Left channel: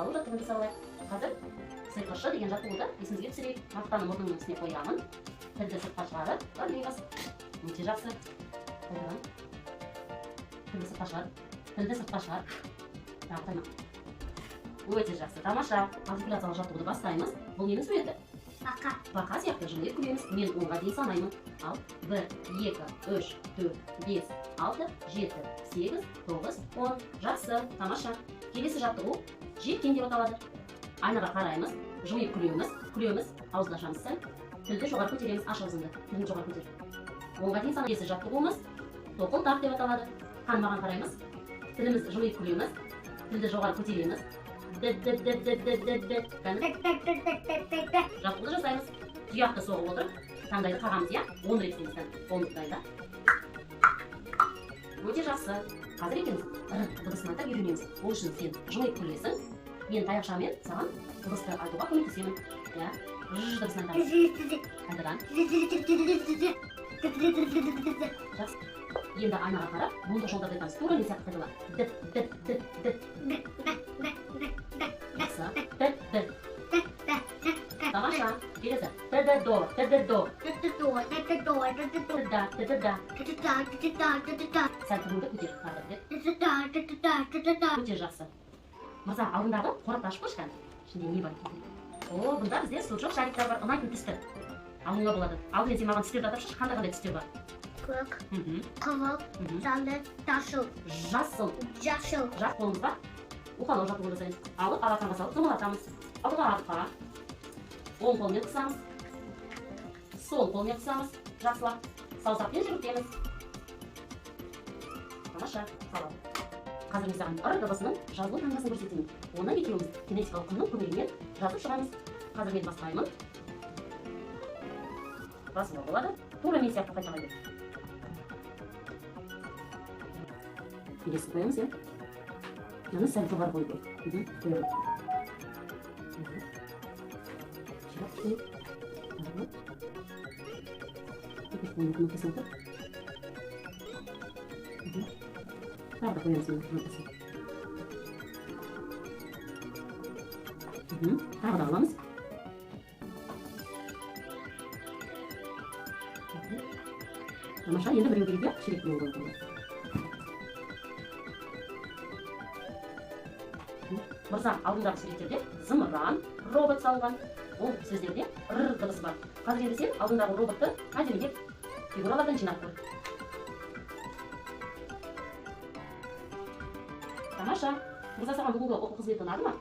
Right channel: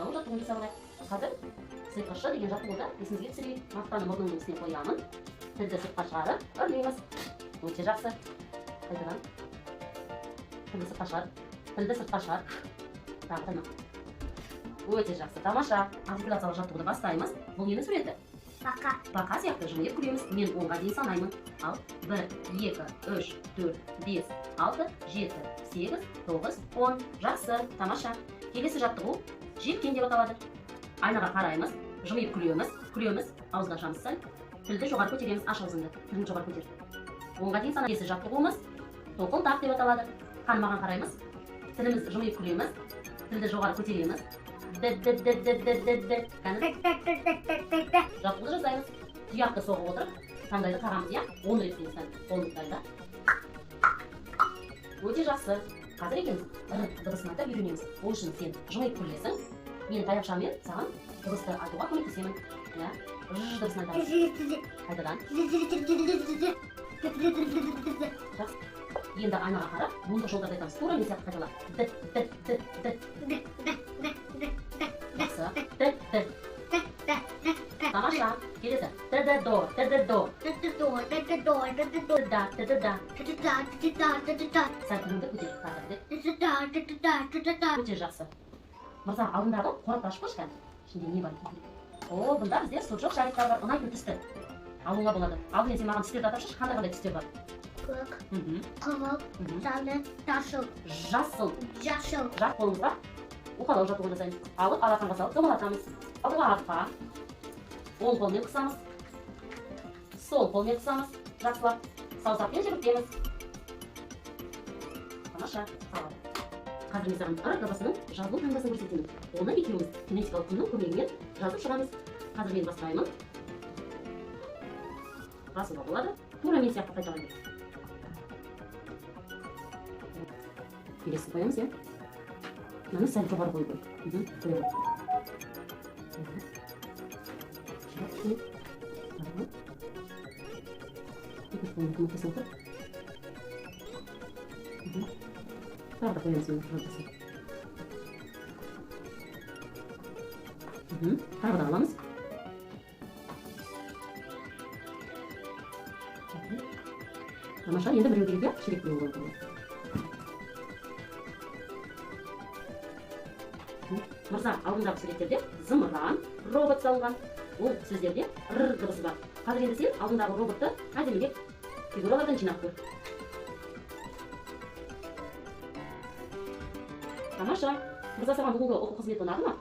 салу жаттығуын жасап алайық. Қазір сиқыршы деген жаттығуды есіңізге түсірейік. Мақтаны мұрныңның үстіне қоямын. Тілді сыртқа шығарып, үрлейміз. Өте жақсы. Қайтадан. Тілді сыртқа шығар. Тілді сыртқа шығар. Тағы. Өте жақсы. Тамаша. Артикуляциялық жаттығуды бастаймыз. Бұл ненің суреті? Бақа. Бақа сияқты жымиып күлеміз. Мен 10-ға дейін санаймын. Ал 1, 2, 3, 4, 5, 6, 7, 8, 9, 10. Жақсы. Тамаша. Келесі жаттығу жеткен деп аталады. Айнаға қараймыз, жымиып күлеміз, ауызды ашамыз сәл. Тілді жоғары көтереміз, аш аузыңды. Тілін жоғары көтер. 10-ға дейін санаймыз. Келесі жаттығуымыз тоқыл тақ деп аталады. Қанымаған қараймыз. Тіліміз жымиып күлеміз, тілді жоғары көтереміз. Жаттығуды жасаймыз. Тұяқты соғып отырып, таңдайды қағамыз, иә? 10 рет дейміз, қолымыздайды. Өте жақсы. Қазір екеніз дыбысын айтып үйренеміз. Ол үшін сен жымиып күлесің. Мен таяқшамен саған дыбысты айтуға көмектесемін. Иә? Дыбысын айтамын. Қайтадан. Жақсы. Енді айнаға қарап, мұнда жолдарды айтамыз. Тура мен сияқты қайталап. Тамаша. Келесі. Т-д-до. Сәл күніңді көтеріп. Өте жақсы. Мырза, алдындағы қорапты ашып қойшы кәні. Ішінде не бар? О, бұнда бізде суыршық шариктар бар. Ұнайтын түсті. Алуыңа болады. Алдымен сен маған түстерді атап шыш. Қандай түстер бар? Көк, қызыл, сары, жасыл. Жасыл. Жасыл. Жақ қолымызға уқалау жаттығуын жасаймыз. Алып, алақанға салып, домалатамыз. Алдыға артқа. Оң қолмен қысамыз. Сол қолмен қысамыз. Жақсылап. Саусақпен жүгіртеміз. Тамаша. Салам. Қазір мен саған ыр дыбысының жазылу таңбасын көрсетемін. Оны екеуміз кинетикалық құнның көмегімен жазып шығамыз. Қазір мен бастаймын. Басында болады. Тура мен сияқты қайталайды. Келесі қоямыз, иә? Мені сәл жоғары қойды. Тағы қоямыз, тағы да аламыз. Тамаша, енді біреу келді, ширек біреу қойды. Мырза, алдындағы суреттерде зымыран, робот салған. Ол сөздерде р дыбысы бар. Қазір енді сен алдындағы роботты әдемілеп фигуралардан жинап көр. Тамаша, мырза, саған бүгінгі оқу қызметі ұнады ма?